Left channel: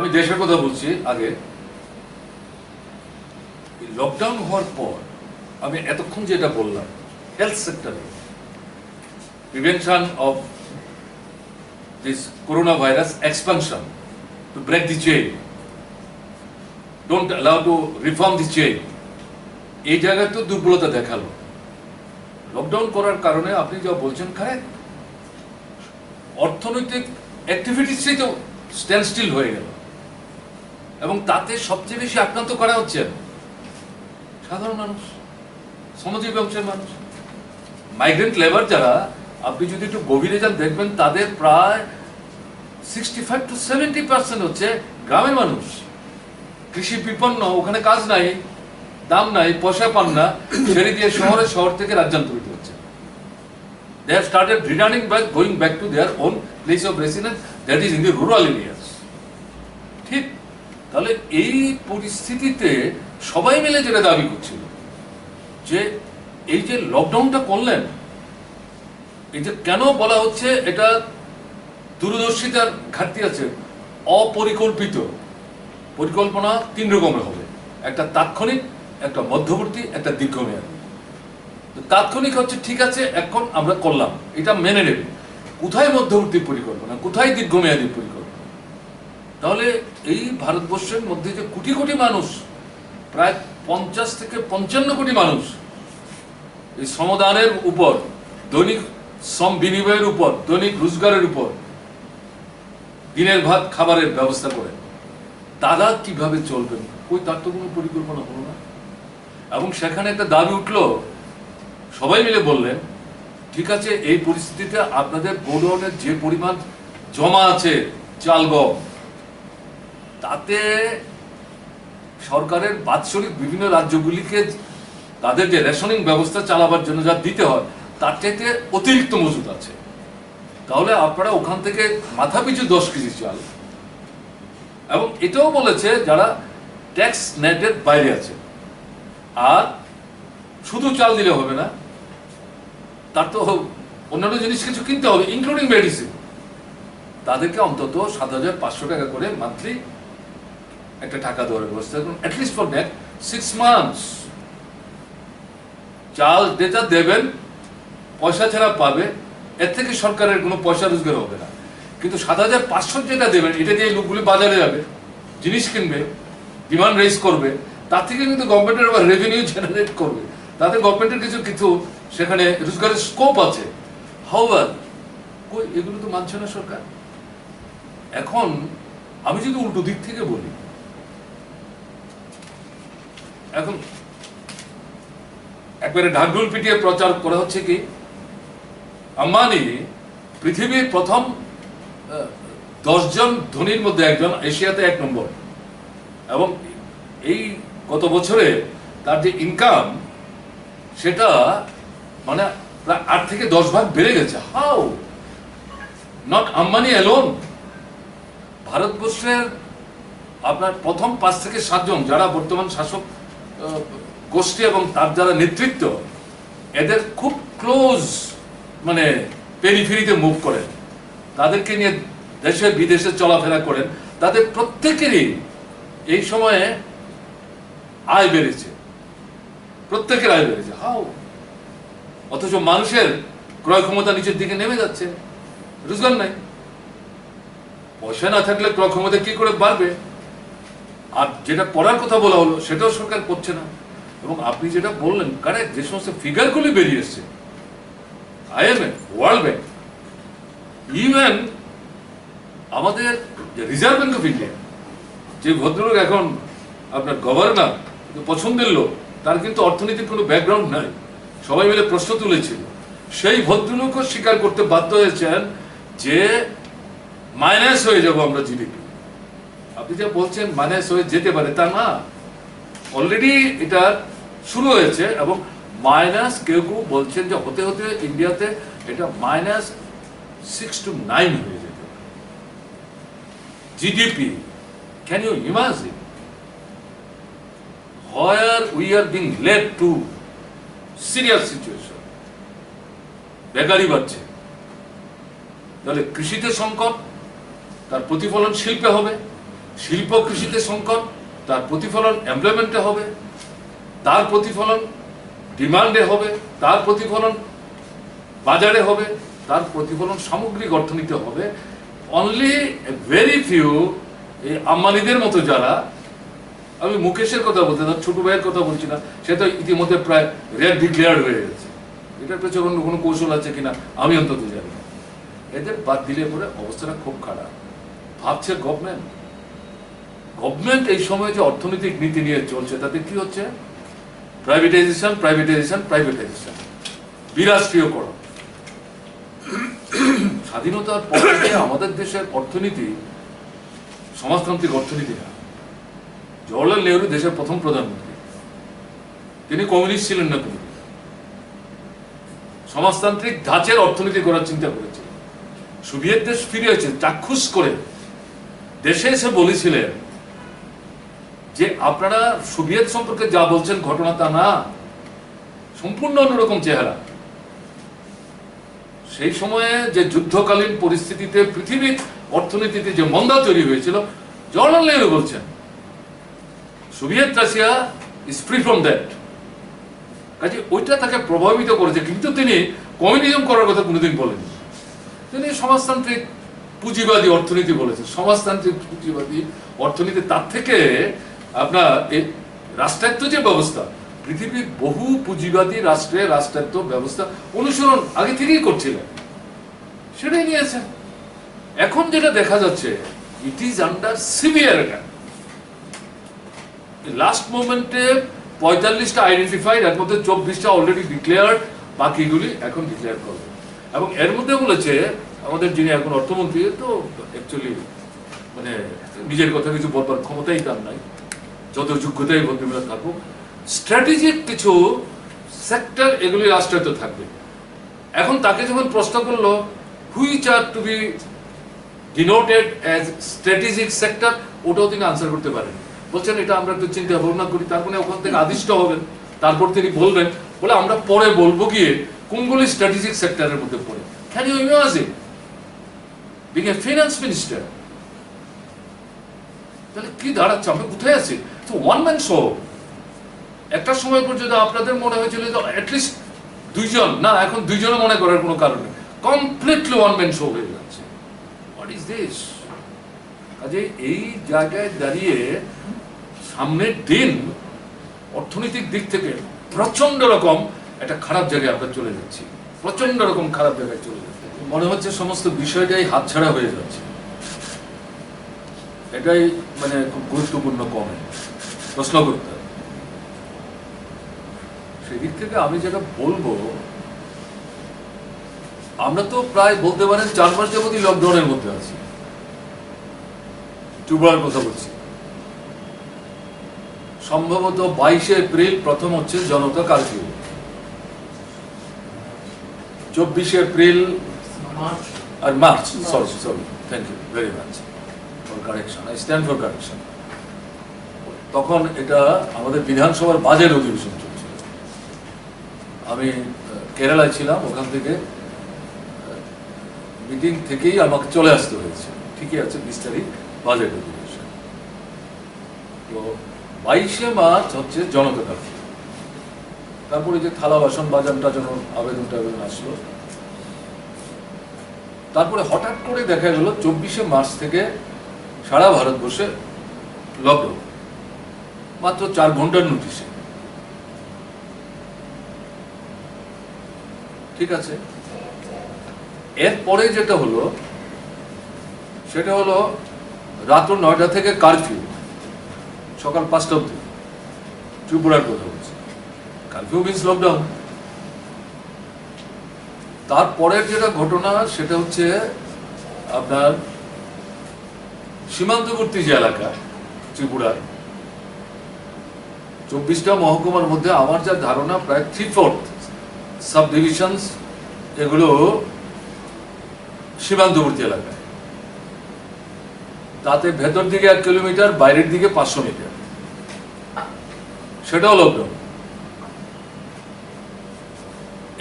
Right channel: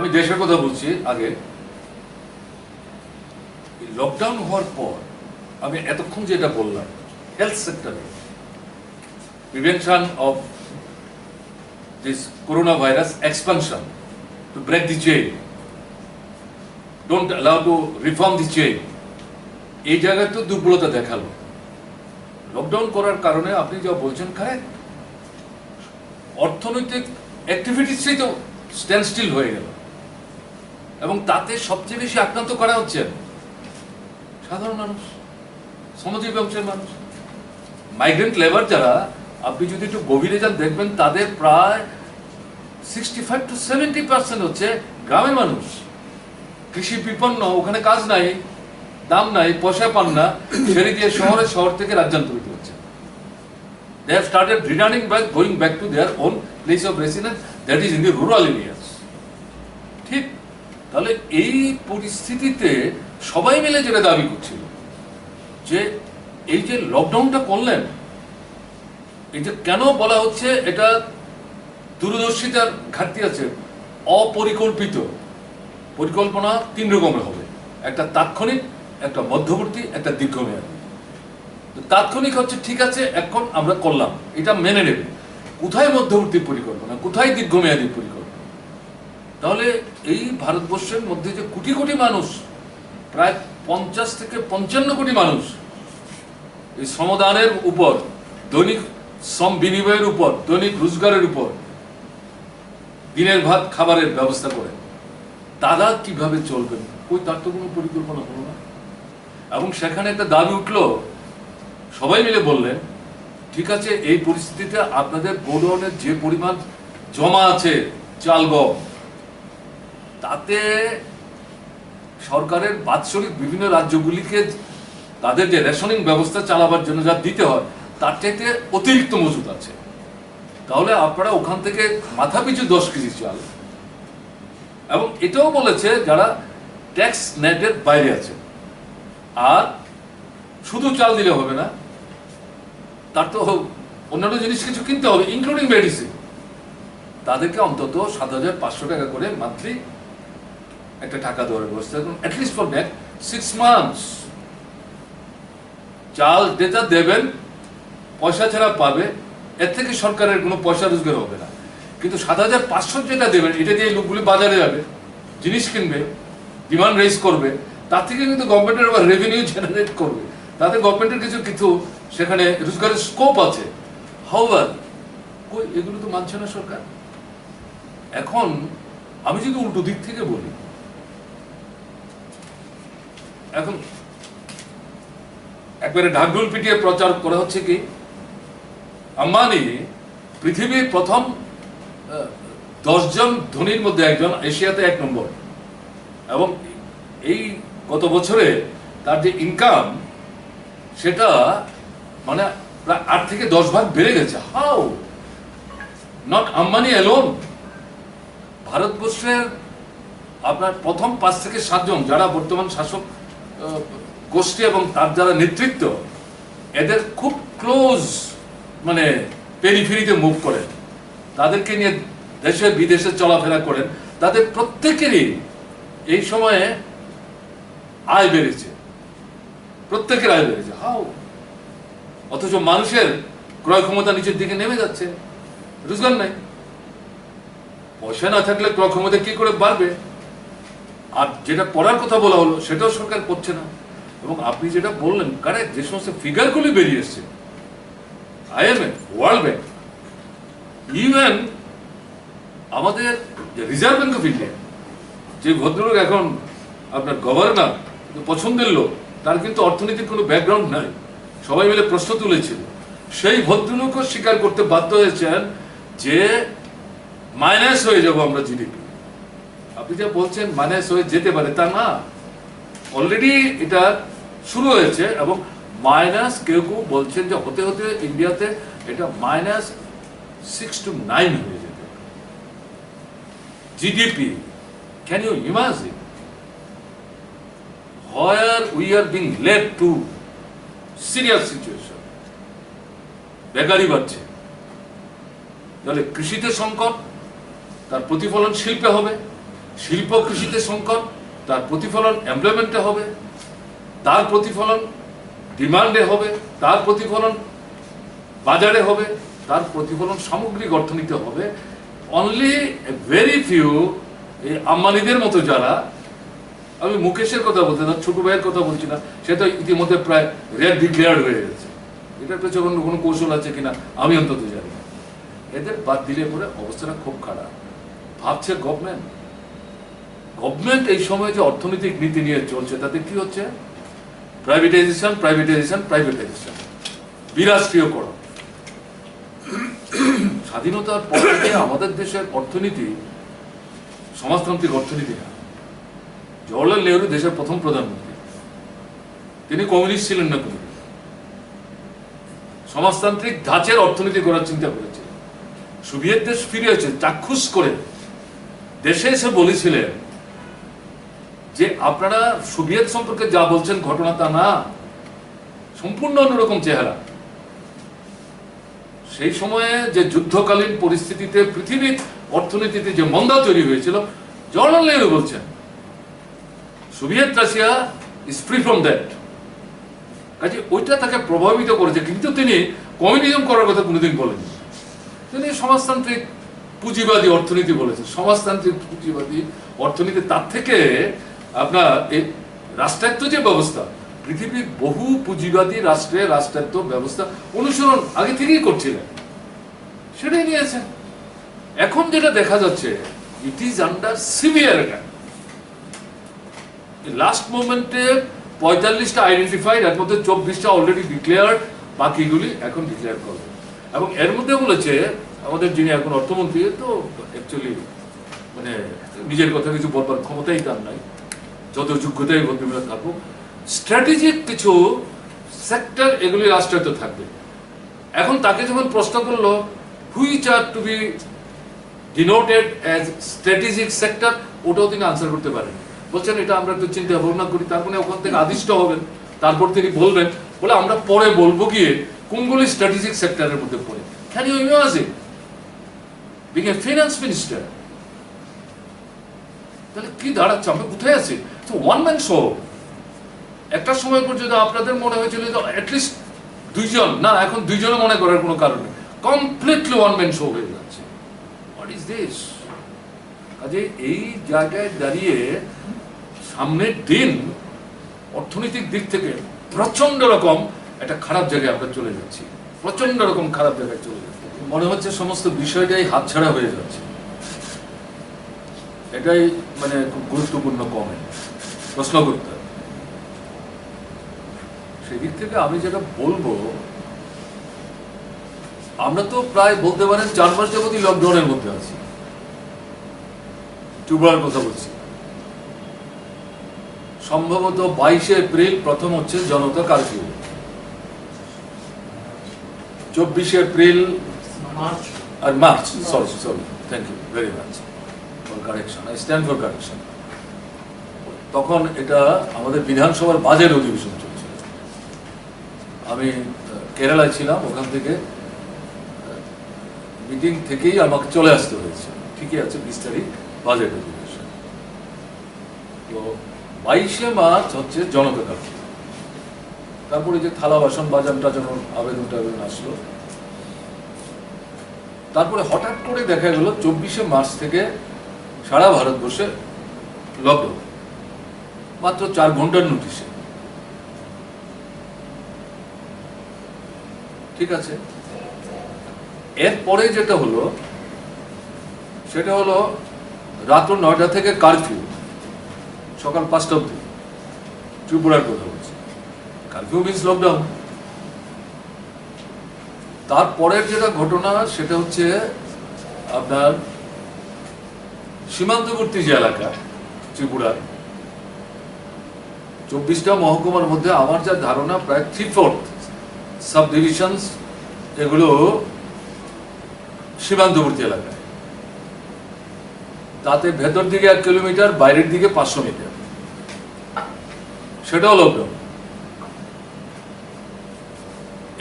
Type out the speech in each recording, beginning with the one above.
আমি দেশের কথা বলছি আগে। লকডাউন হওয়ার পর আমি এতক্ষণ যেটা বললাম, হেলথ সেক্টরে prevention of this corona virus expansion to break the chain, don't allow to reform the chain, এই জায়গায় তো দুর্বলতা দেখালো। লকডাউন করার কারণে আপনি যা বলছেন কারেক্ট, অর্থনৈতিক অ্যাক্টিভিটিসই তো স্ট্যান্ড স্টিল হয়ে গেল, এবং তাতে সবচেয়ে বেশি আক্রান্ত করা হচ্ছে সাধারণ মানুষ, শ্রমজীবী অংশের মানুষ, মাইগ্রেন্ট লেবার যারা। আপনি যদি একটু গভীরে যান দেখবেন তাদের প্রায় 65 to 70% হচ্ছে গ্রামের মানুষ, কৃষি বিপন্ন, ওখানে কাজ নাই, দাম নাই, পয়সা পান না, ছেড়ে দিয়ে শহর থেকে রাজ্যান্তরিত হচ্ছে। They have started returning back, going back to their own place of residence, that is in the rural areas. ঠিক, তাহলে এই পরিস্থিতিতে সবাই মিলে যেটা দাবি করছিল যে এই যে লকডাউনটা করলেন, এটা কেন বলা হচ্ছে এটা দূরদর্শিতার ঘাটতি আছে, অপরিকল্পিত। পরিকল্পনা তিন রকমের হবে, একটা তাৎক্ষণিক, একটা মধ্যবর্তী, একটা দীর্ঘমেয়াদী। তাৎক্ষণিক হচ্ছে ঠিক আছে এখন আমরা করলাম, এটা মেনে নেবে। কোথায় মধ্যবর্তী পরিকল্পনা, কোথায় দীর্ঘমেয়াদী পরিকল্পনা? তাহলে এই ভারতবর্ষের মধ্যে যে কোটি কোটি মানুষ, প্রায় 50 থেকে 55 কোটি মানুষ এই শ্রমদানের উপর, দৈনিক শ্রম বিনিময়ের উপর, দৈনিক রোজগারের উপর দিনের ভাত খাবারের ব্যবস্থা করে, তারা কিভাবে চলবেন? ওই তার তো কোনো পরিকল্পনা হলো না। এবং সেখানে একটা দাবি উঠলো, সবাই মিলে বললেন ঠিক আছে এই পরিস্থিতিতে আপনাদের গোডাউনের যে পরিমাণ জমা আছে চাল গম, তাতে সরকারের বাৎসরিক বিভিন্ন রাজ্যগুলিকে তাদের যে রেশনিং ব্যবস্থা চালাবার জন্য যা দিতে হয় তার চাইতে অতিরিক্ত মজুদ আছে। তাহলে আপনারা ওখান থেকে মাথাপিছু 10 কেজি চাল, এবং এটাও বলেছে যারা ট্যাক্স নেটের বাইরে আছে, আর শুধু চাল দিলে হবে না, তার তো অন্যান্য জিনিস কিছু কিনতে হবে, ইনক্লুডিং মেডিসিন। তাদেরকে অন্তত 7,500 টাকা করে মান্থলি একটা টাকা দেওয়ার ব্যবস্থা করুন, অ্যাটলিস্ট ফর নেক্সট 6 months। চাল যেটা দেবেন পয়সা ছাড়া পাবে, এর থেকে সরকারের কোনো পয়সা রোজগার হবে না। কিন্তু 7,500 যেটা দেবেন, এটা দিয়ে লোকগুলি বাজারে যাবে, জিনিস কিনবে, ডিমান্ড রেজ করবে, তার থেকে কিন্তু গভর্নমেন্টের আবার রেভিনিউ জেনারেট করবে, তাতে গভর্নমেন্টের কিছু কিছু সেখানে রোজগারের স্কোপ আছে। হাউএভার কই এগুলো তো মানছে না সরকার। এখন আমি যদি উল্টো দিক থেকে বলি, এখন একবারে ঢাকঢোল পিটিয়ে প্রচার করা হচ্ছে কি আম্বানি পৃথিবীর প্রথম 10 জন ধনীর মধ্যে একজন, এশিয়াতে 1 নম্বর, এবং এই গত বছরে তার যে ইনকাম সেটা মানে প্রায় 8 থেকে 10 ভাগ বেড়ে গেছে। হাউ? Not Ambani alone. ভারতবর্ষের আপনার প্রথম 5 থেকে 7 জন যারা বর্তমান শাসক গোষ্ঠী এবং তার যারা নেতৃত্ব, এদের খুব ক্লোজ মানে পেরিফেরিতে মুভ করেন, তাদেরকে নিয়ে দেশে বিদেশে চলাফেরা করেন, তাদের প্রত্যেকেরই এই সময়ে আয় বেড়েছে, প্রত্যেকের আয় বেড়েছে। হাউ? অথচ মানুষের ক্রয় ক্ষমতা নিচের দিকে নেমে যাচ্ছে, রোজগার নাই, পয়সা না থাকলে ক্রয় ক্ষমতা কি করে বাড়বে? আর যেটা পড়ার কথা বলা হলো সেটাও সরকার করছে না। এবং আপনি যেটা বললেন কারেক্ট, যে সমস্ত ফিগারগুলি বেরিয়ে এসছে, IMF, ওয়ার্ল্ড ব্যাংক, ইভেন আমাদের রিজার্ভ ব্যাংক অফ ইন্ডিয়া, যে ভদ্রলোক এখন আপনার গভর্নর, পছন্দের লোক, তার কিন্তু অর্থনীতির কোনো ব্যাকগ্রাউন্ড নাই, সবাই মিলে প্রশ্ন তুলেছিল, সেই ভদ্রলোকও স্বীকার করতে বাধ্য হয়েছেন যে মাইনাস হয়ে যাব আমরা জিডিপি। আপনি যা বলছেন মাইনাস হয়ে যেতে পারে, তা না, অলরেডি এটা শুরু হয়েছে, এবং মাইনাস কেউ কেউ বলছেন যে হতে হতে ইন্ডিয়াতে এটা -6 to 9 হয়ে যেতে পারে GDP. Can you imagine where we are being led to serious situation? বেকারি বাড়ছে, তাহলে কৃষিতে সংকট, তার প্রতিফলন শিল্পে হবে, শিল্প কৃষিতে সংকট, তার প্রতিফলন এমপ্লয়মেন্টে হবে, তার প্রতিফলন ডিমান্ডে হবে, তার প্রতিফলন বাজারে হবে, তার প্রতিফলন সামগ্রিক অর্থনীতি হবে। অনলি ভেরি ফিউ, এই আম্বানিদের মতো যারা, আমি মুকেশের কথা বলতে না, ছোট ভাইয়ের কথা বলছি না, সে তো ইতিমধ্যে প্রায় রেড ডিক্লেয়ার্ড হয়ে গেছে। এটার পেছনে কোনো কৌশল আছে কিনা আমি অন্তত জানি না। এদের বাদ দিলে পরে অবস্থাটা খুব খারাপ। ভাবছে গভর্নমেন্ট এই সময় যে অর্থনৈতিক নীতি নিয়ে চলছে তাতে কি হচ্ছে? প্রাইভেটাইজেশন, প্রাইভেটাইজেশন, প্রাইভেটাইজেশন, বিরাষ্ট্রীয়করণ। স্বাধীনতার পর থেকে আমাদের দেশের অর্থনীতি সমাজতান্ত্রিক অর্থনীতি না। জওহরলাল নেহরু দেশের প্রথম প্রধানমন্ত্রী, তিনি কমিউনিস্ট ছিলেন না, কোনো সমাজতান্ত্রিক ধাঁচের অর্থনীতি করার চিন্তা করেছিলেন। সোভিয়েত দেশ ফিরে এসে চাক্ষুষ করে দেশে এসে বলেছিলেন যে আপনারা সোভিয়েত সম্পর্কে যা বলছেন ঘটনা তা না, সম্পূর্ণ অন্যরকম চেহারা। সেই সময়ে যে যুদ্ধকালীন পরিস্থিতিতে পৃথিবীর অর্থনীতিতে যে মন্দা তৈরি হয়েছিল, জওহরলাল নেহরু বলছেন Soviet Russia is free from that. কাজে ওইটা তাকে প্রভাবিত করেছে, কিন্তু তিনি কমিউনিজম করার কথা কোনোদিন বলেন। তিনি সমাজতান্ত্রিক পুঁজিবাদী অর্থনীতি বলেছেন। সমাজতান্ত্রিক পুঁজিবাদী অর্থনীতি, তার থেকে আপনার এই রাষ্ট্রায়ত্ত যে ব্যবস্থা, পৃথিবীর বহু পুঁজিবাদী রাষ্ট্রে রাষ্ট্রায়ত্ত ব্যবস্থা অনুসরণ আগে থেকেই করছিলেন, সেটাই নিয়েছেন। এখন যেটা দেখা যাচ্ছে, it is under severe attack. Last মোমেন্টে 45টা আইডেন্টিফাইড, এর মধ্যে 24টা অলরেডি ডিক্লেয়ার্ড, বাকিগুলি এখন ডিক্লেয়ার করবে। এবং এর মধ্যে বলেছে আমাদের যিনি এখন অর্থমন্ত্রী, তো অ্যাকচুয়ালি মানে নিজের কথা কিছু বলবার ক্ষমতাই তার নাই, যত যোগ্যতাই ভদ্রমহিলা থাকুক, স্ট্র্যাটেজিক কিছু সেক্টর এগুলি রাষ্ট্রায়ত্ত থাকবে। এখন তাকে যখন প্রশ্ন করলো which are to be denoted as strategic sector, ওটাও তিনি আনসার করতে পারেন। বলছেন এটা আমরা একটু চিন্তা ভাবনা করি, তারপরে ওখান থেকে আদিষ্ট হবেন, তারপর তিনি বলবেন, বলে আমরা পরে বলবো গিয়ে কোনগুলি স্ট্র্যাটেজিক সেক্টরের মধ্যে পড়ে। Can you imagine being a finance minister? তাহলে কি দাঁড়াচ্ছে, আমরা কোথায় আছি? তো ওয়ান ম্যান শো। একটা সময় পর্যন্ত আপনাদের মনে হয়েছিল যে অ্যাটলিস্ট দুইজন, না এখন দুইজনে মনে করার কোনো কারণ নেই, কমপ্লিটলি ওয়ান ম্যান শো হয়ে যাচ্ছে। What is this? কাজে এই জায়গায় দাঁড়িয়ে সামনের দিন অর্থনৈতিক দিক থেকে প্রচন্ড রকম একটা খারাপ জায়গায় আমরা চলে যাচ্ছি, প্রচন্ড রকম খারাপ জায়গায় চলে যাচ্ছি। মনে হচ্ছে সমস্ত বিষয়টাই হাতছাড়া হয়ে যাচ্ছে। এটাই মানে খুব গুরুত্বপূর্ণ কমেন্ট, প্রশ্ন করতে হবে। সেদিক থেকে আমি যেটা বলবো, আমরা তো প্রায় বলতে পারেন 4 মাস যাবতই লকডাউনের মধ্যে আছি। ত্রিপুরার কথা বলছি, সম্ভবত 22শে এপ্রিল প্রথম হচ্ছে জনতা কারফিউ, 24শে এপ্রিল আর March, sorry thank you very much for correction, I stand for correction. তখন এটা আমাদের বিধানসভার বাজেট অধিবেশন চলছিল। আমি কেরালায় ছিলাম, ওখান থেকে মিটিং থেকেই আমাকে চলে আসতে হয়েছে। ঠিকই আছে, 20 তারিখ বাজেট অধিবেশন। তো 22শে মার্চ হচ্ছে জনতা কারফিউ। তারপরে যে থালা বাসন বাজানটা যখন আবেদন আসলো, তারপরে হঠাৎ করে দেখা গেল 24শে মার্চ থেকে সারা ভারতবর্ষে লকডাউন, মাত্র 4 ঘন্টার নোটিশে। ঠিক আছে, এরপরে যেটা হলো সেটা হলো রাত্র 9টা থেকে কারফিউ, সকাল 5টা অবধি। ত্রিপুরার কথা বলছি, কারফিউ মিন্স লকডাউন। তারপরের যেটা ঘটনা সেটা হচ্ছে আপনার সীমান্তবর্তী যে এলাকা ত্রিপুরার 24টা মহকুমার মধ্যে আমার যা ধারণা প্রায় 3/4 সাব ডিভিশনস এগুলো সীমান্তবর্তী এলাকায়। তাতে ভেতর দিকে 1 কিলোমিটার, বাইরের দিকে 500 মিটার, সেটাও লকডাউন।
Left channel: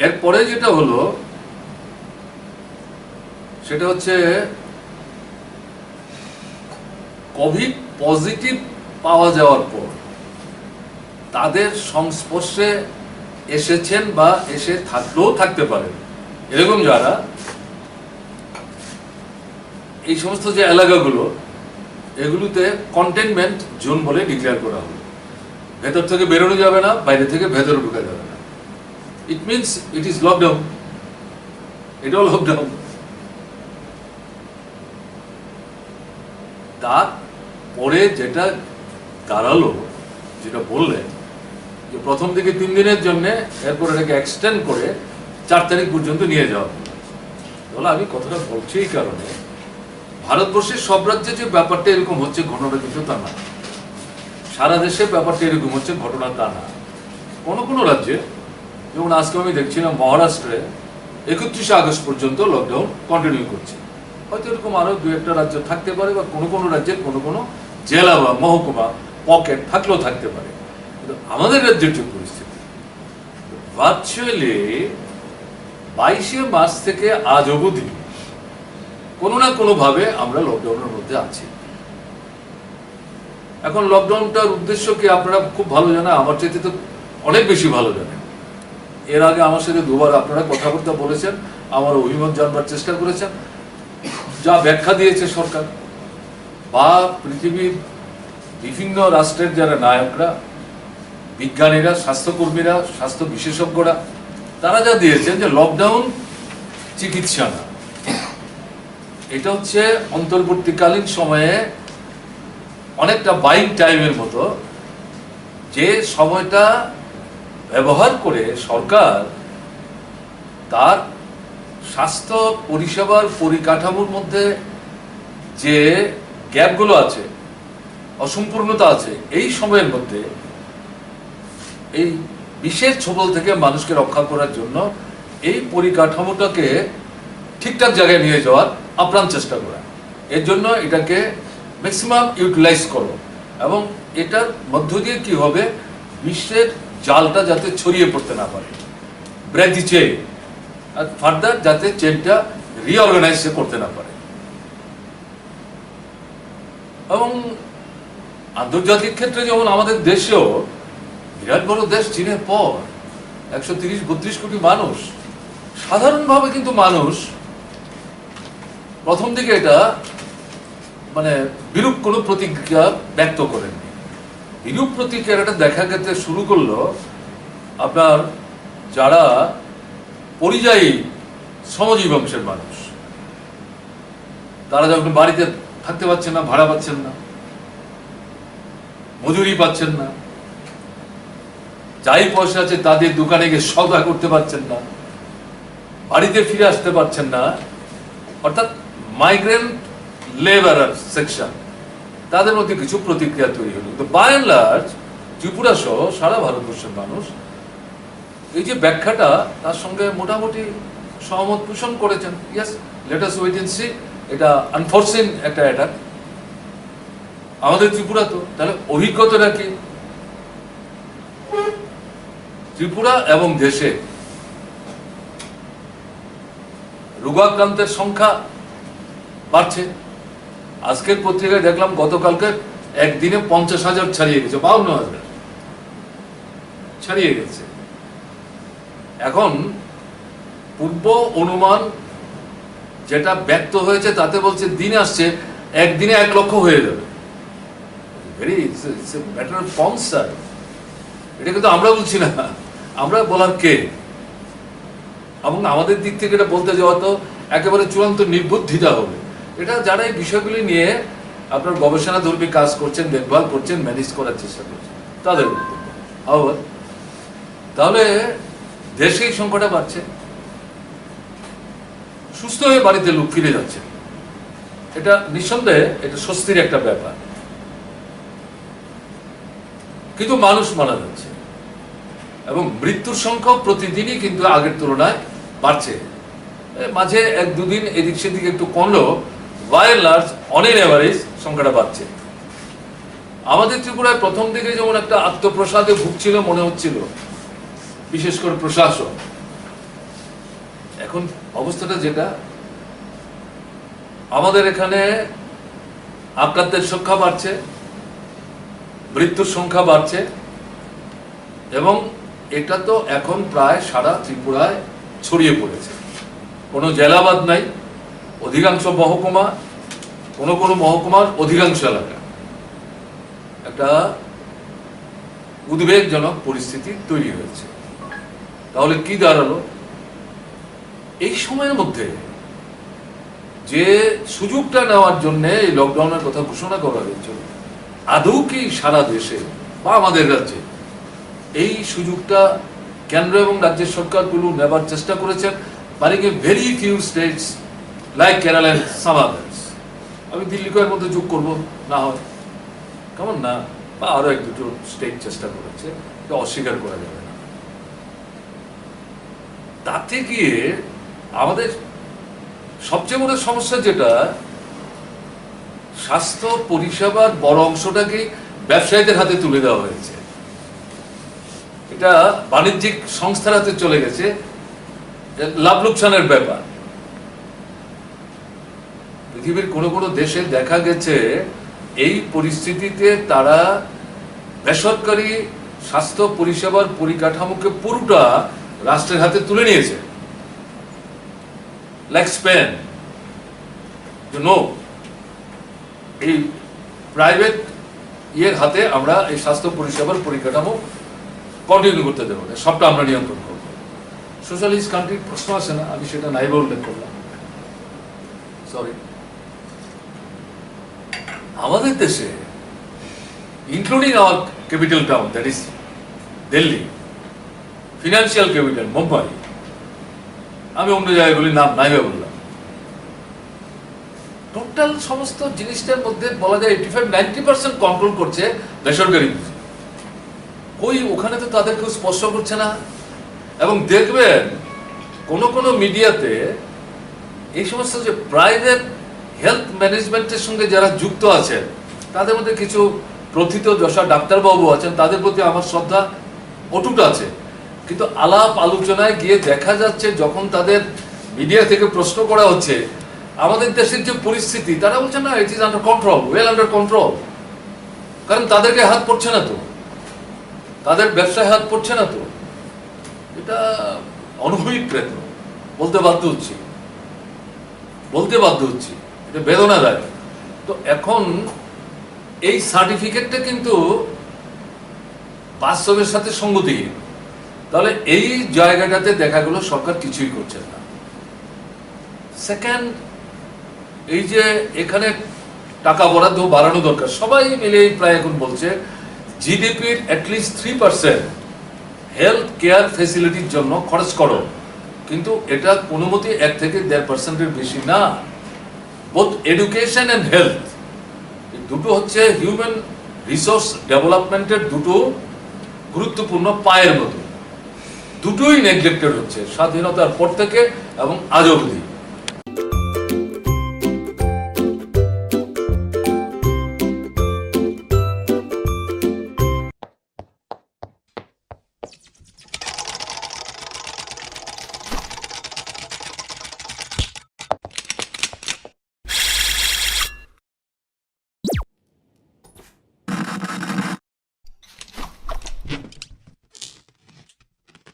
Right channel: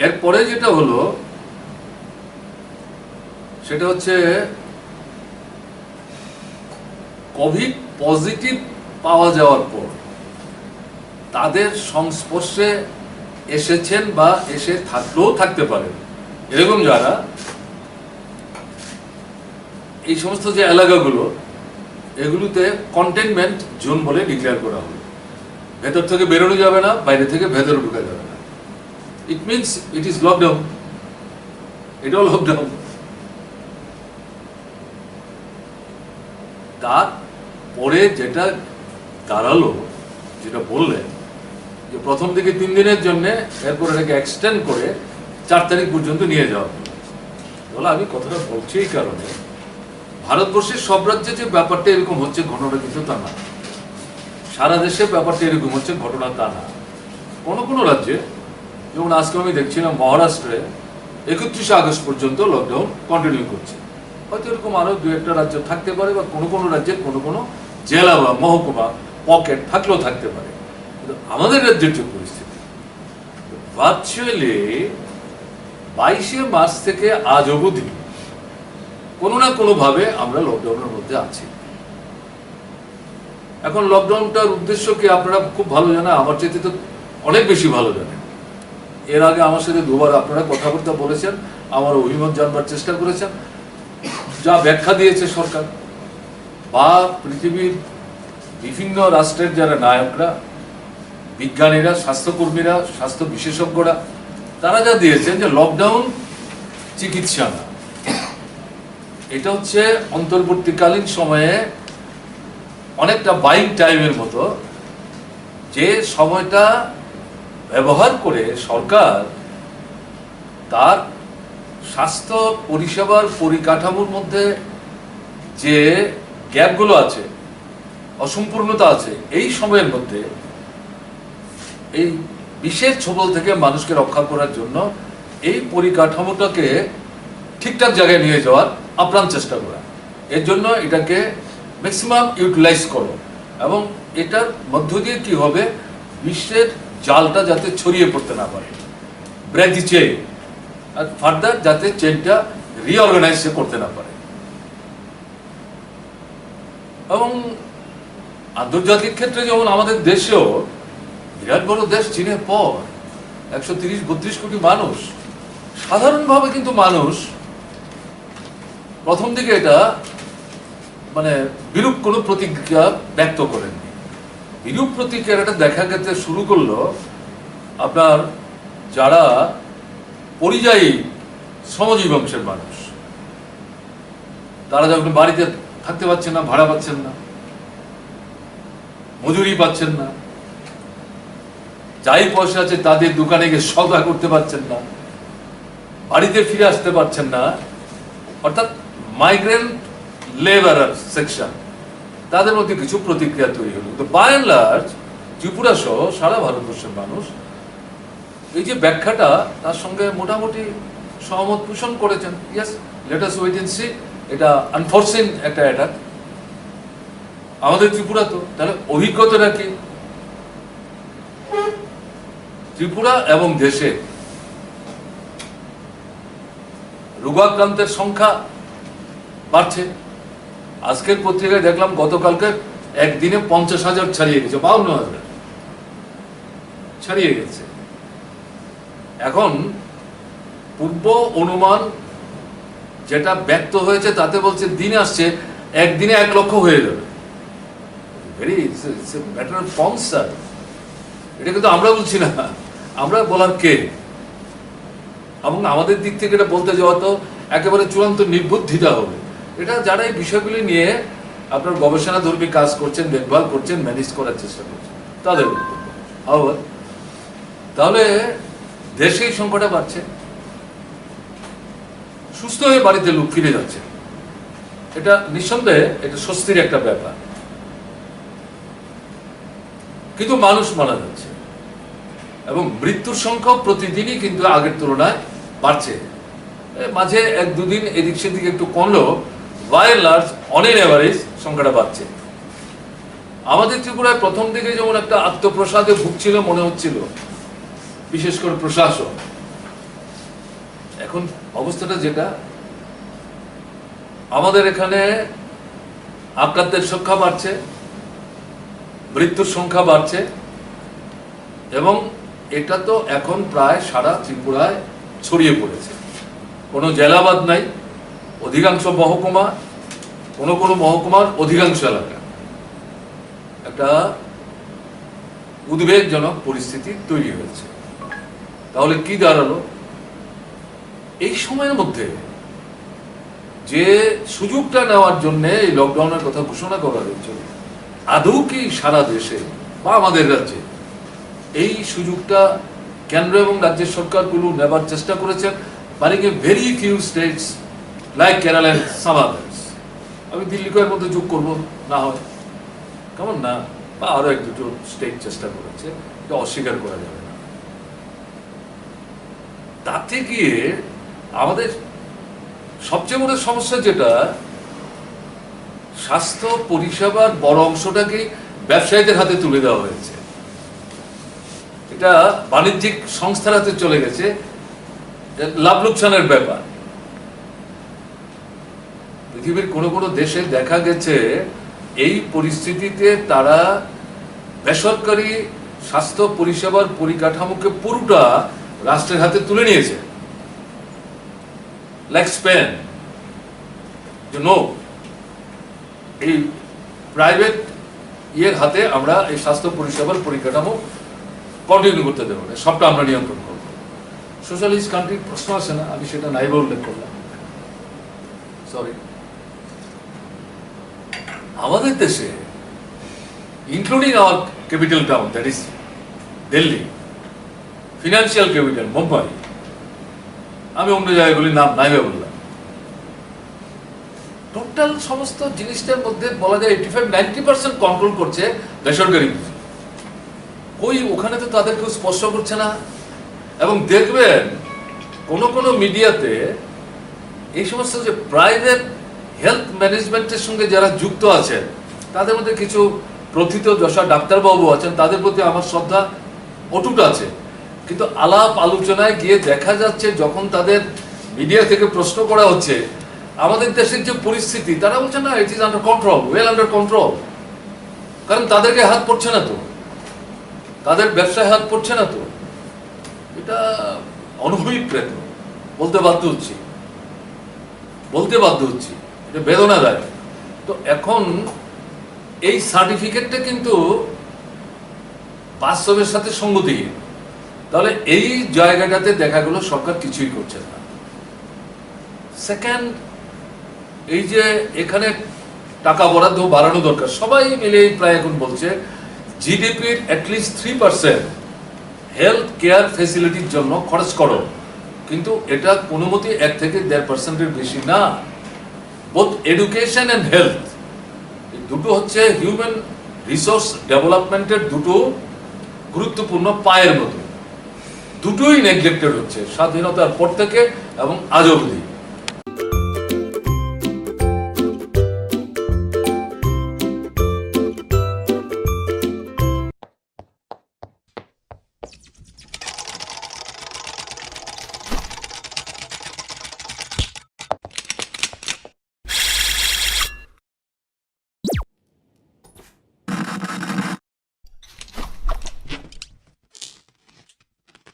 এরপরে যেটা হলো সেটা হচ্ছে কোভিড পজিটিভ পাওয়া যাওয়ার পর তাদের সংস্পর্শে এসেছেন বা এসে থাকলেও থাকতে পারেন এরকম যারা, এই সমস্ত যে এলাকাগুলো এগুলোতে কন্টেনমেন্ট জোন বলে ডিক্লেয়ার করা হলো। ভেতর থেকে বেরোনো যাবে না, বাইরে থেকে ভেতরে ঢুকা যাবে না। It means it is lockdown, এটাও লকডাউন। তারপরে যেটা দাঁড়ালো, যেটা বললেন যে প্রথম দিকে 3 দিনের জন্য, এরপর এটাকে এক্সটেন্ড করে 4 তারিখ পর্যন্ত নিয়ে যাওয়া হলো। তাহলে আমি কথাটা বলছি এই কারণে, ভারতবর্ষের সব রাজ্যে যে ব্যাপারটা এরকম হচ্ছে ঘটনাটা কিন্তু তা না, সারা দেশে ব্যাপারটা এরকম হচ্ছে ঘটনা তা না। কোনো কোনো রাজ্যে, যেমন আজকে আমি দেখছিলাম মহারাষ্ট্রে 31শে আগস্ট পর্যন্ত লকডাউন কন্টিনিউ করছে। হয়তো এরকম আরো 2-1টা রাজ্য থাকতে পারে, বা কোনো কোনো রাজ্যের কোনো কোনো জেলা বা মহকুমা পকেট থাকলেও থাকতে পারে। কিন্তু আমাদের রাজ্যের যে পরিস্থিতি, ভার্চুয়ালি 22শে মার্চ থেকে আজ অবধি কোনো না কোনো ভাবে আমরা লকডাউনের মধ্যে আছি। এখন লকডাউনটার উদ্দেশ্য কি আপনারা খুব ভালো জানেন, আমার চাইতে তো অনেক বেশি ভালো জানেন। এর আগে আমার সাথে 2বার আপনারা কথাবার্তা বলেছেন, আমার অভিমত জানবার চেষ্টা করেছেন। যা ব্যাখ্যা দিয়েছে সরকার বা পৃথিবীর বিভিন্ন রাষ্ট্রের যারা নায়করা, বিজ্ঞানীরা, স্বাস্থ্যকর্মীরা, স্বাস্থ্য বিশেষজ্ঞরা, তারা যা দিয়েছেন যে লকডাউন চিকিৎসা না, এটা হচ্ছে অন্তর্বর্তীকালীন সময়ে অনেকটা বাইং টাইমের মতো, যে সময়টা ব্যবহার করে সরকার তার স্বাস্থ্য পরিষেবার পরিকাঠামোর মধ্যে যে গ্যাপগুলো আছে, অসম্পূর্ণতা আছে, এই সময়ের মধ্যে এই বিশেষ ছোবল থেকে মানুষকে রক্ষা করার জন্য এই পরিকাঠামোটাকে ঠিকঠাক জায়গায় নিয়ে যাওয়ার আপ্রাণ চেষ্টা করা। এর জন্য এটাকে ম্যাক্সিমাম ইউটিলাইজ করো, এবং এটার মধ্য দিয়ে কি হবে, বিশ্বের জালটা যাতে ছড়িয়ে পড়তে না পারে, break the chain, R further যাতে চেইনটা রিঅর্গানাইজ করতে না পারে। এবং আন্তর্জাতিক ক্ষেত্রে যেমন আমাদের দেশেও, বিরাট বড় দেশ চীনের পর, 130-32 কোটি মানুষ, সাধারণভাবে কিন্তু মানুষ প্রথম দিকে এটা মানে বিরূপ কোনো প্রতিক্রিয়া ব্যক্ত করেননি। বিরূপ প্রতিক্রিয়াটা দেখা যেতে শুরু করলো আপনার যারা পরিযায়ী শ্রমজীবী বংশের মানুষ, তারা যখন বাড়িতে থাকতে পারছেন না, ভাড়া পাচ্ছেন না, মজুরি পাচ্ছেন না, যাই পয়সা আছে তাদের দোকানে গিয়ে সওদা করতে পারছেন না, বাড়িতে ফিরে আসতে পারছেন না, অর্থাৎ মাইগ্রেন্ট লেবারার সেকশন, তাদের মধ্যে কিছু প্রতিক্রিয়া তৈরি হলো। তো বাই এন্ড লার্জ ত্রিপুরা সহ সারা ভারতবর্ষের মানুষ এই যে ব্যাখ্যাটা, তার সঙ্গে মোটামুটি সহমত পোষণ করেছেন। Yes, let us wait and see. এটা আনফরসিন একটা অ্যাটাক আমাদের ত্রিপুরা। তো তাহলে অভিজ্ঞতাটা কি? ত্রিপুরা এবং দেশে রোগাক্রান্তের সংখ্যা বাড়ছে। আজকের পত্রিকায় দেখলাম গতকালকে একদিনে 50,000 ছাড়িয়ে গেছে, 52,000 ছাড়িয়ে গেছে। এখন পূর্ব অনুমান যেটা ব্যক্ত হয়েছে তাতে বলছে দিন আসছে একদিনে 1 লক্ষ হয়ে যাবে। Very matter of concern. এটা কিন্তু আমরা বলছি না, আমরা বলার কে? এবং আমাদের দিক থেকে এটা বলতে যাওয়া তো একেবারে চূড়ান্ত নির্বুদ্ধিতা হবে। এটা যারা এই বিষয়গুলি নিয়ে আপনার গবেষণা ধর্মী কাজ করছেন, দেখভাল করছেন, ম্যানেজ করার চেষ্টা করছেন, তাদের আবার তাহলে দেশে এই সংখ্যাটা বাড়ছে, সুস্থ হয়ে বাড়িতে লোক ফিরে যাচ্ছে। এটা নিঃসন্দেহে এটা স্বস্তির একটা ব্যাপার। কিন্তু মানুষ মারা যাচ্ছে এবং মৃত্যুর সংখ্যাও প্রতিদিনই কিন্তু আগের তুলনায় বাড়ছে। মাঝে 1-2 দিন এদিক সেদিক একটু কমলেও by and large on an average সংখ্যাটা বাড়ছে। আমাদের ত্রিপুরায় প্রথম দিকে যেমন একটা আত্মপ্রসাদে ভুগছিল মনে হচ্ছিল, বিশেষ করে প্রশাসন। এখন অবস্থাটা যেটা, আমাদের এখানে আক্রান্তের সংখ্যা বাড়ছে, মৃত্যুর সংখ্যা বাড়ছে, এবং এটা তো এখন প্রায় সারা ত্রিপুরায় ছড়িয়ে পড়েছে। কোনো জেলাবাদ নাই, অধিকাংশ মহকুমা, কোনো কোনো মহকুমার অধিকাংশ এলাকা একটা উদ্বেগজনক পরিস্থিতি তৈরি হয়েছে। তাহলে কি দাঁড়ালো? এই সময়ের মধ্যে যে সুযোগটা নেওয়ার জন্য এই লকডাউনের কথা ঘোষণা করা হয়েছিল, আদৌ কি সারা দেশে বা আমাদের রাজ্যে এই সুযোগটা কেন্দ্র এবং রাজ্যের সরকারগুলো নেবার চেষ্টা করেছেন? Barring a very few states like Kerala and some others. আমি দিল্লিকে এর মধ্যে যোগ করবো না হয়, কেমন না, বা আরো এক দুটো স্টেট চেষ্টা করেছে, এটা অস্বীকার করা যাবে না। তাতে গিয়ে আমাদের সবচেয়ে বড় সমস্যা যেটা, স্বাস্থ্য পরিষেবার বড় অংশটাকে ব্যবসায়ীদের হাতে তুলে দেওয়া হয়েছে। এটা বাণিজ্যিক সংস্থার হাতে চলে গেছে, লাভ লোকসানের ব্যাপার। পৃথিবীর কোনো কোনো দেশে দেখা গেছে এই পরিস্থিতিতে তারা বেসরকারি স্বাস্থ্য পরিষেবার পরিকাঠামোকে পুরোটা রাষ্ট্রের হাতে তুলে নিয়েছে। লাইক স্পেন, এই প্রাইভেট ইয়ের হাতে আমরা এই স্বাস্থ্য পরিষেবার পরিকাঠামো কন্টিনিউ করতে দেবো না, সবটা আমরা নিয়ন্ত্রণ করবো। সোশ্যালিস্ট কান্ট্রির প্রশ্ন আসে না, আমি সেটা নাইবা উল্লেখ করলাম, সরি। আমাদের দেশে, including hour capital town, that is Delhi, financial capital Mumbai, আমি অন্য জায়গাগুলির নাম নাইবা বললাম, টোটাল সমস্ত জিনিসটার মধ্যে বলা যায় 85-90% কন্ট্রোল করছে বেসরকারি পুঁজি। কই ওখানে তো তাদের কেউ স্পর্শ করছে না। এবং দেখবেন কোন কোন মিডিয়াতে এই সমস্ত যে প্রাইভেট হেলথ ম্যানেজমেন্টের সঙ্গে যারা যুক্ত আছেন, তাদের মধ্যে কিছু প্রথিত যশা ডাক্তারবাবু আছেন, তাদের প্রতি আমার শ্রদ্ধা অটুট আছে। কিন্তু আলাপ আলোচনায় গিয়ে দেখা যাচ্ছে, যখন তাদের মিডিয়া থেকে প্রশ্ন করা হচ্ছে আমাদের দেশের যে পরিস্থিতি, তারা বলছে না, it is under control, well under control. কারণ তাদেরকে হাত পড়ছে না তো, তাদের ব্যবসায় হাত পড়ছে না তো। এটা অনুভূতিপ্রেত, বলতে বাধ্য হচ্ছি, এটা বেদনাদায়ক। তো এখন এই সার্টিফিকেটটা কিন্তু বাস্তবের সাথে সঙ্গতিহীন। তাহলে এই জায়গাটাতে দেখা গেল সরকার কিছুই করছে না। সেকেন্ড, এই যে এখানে টাকা বরাদ্দ বাড়ানো দরকার, সবাই মিলে প্রায় এখন বলছে জিডিপির অ্যাটলিস্ট 3% হেলথ কেয়ার ফেসিলিটির জন্য খরচ করো, কিন্তু এটা কোনো মতে 1 থেকে 1.5%-এর বেশি না। বোথ এডুকেশন এন্ড হেলথ, এই দুটো হচ্ছে হিউম্যান রিসোর্স ডেভেলপমেন্টের দুটো গুরুত্বপূর্ণ পায়ের মতো। দুটোই নেগলেক্টেড হচ্ছে স্বাধীনতার পর থেকে এবং আজ অবধি।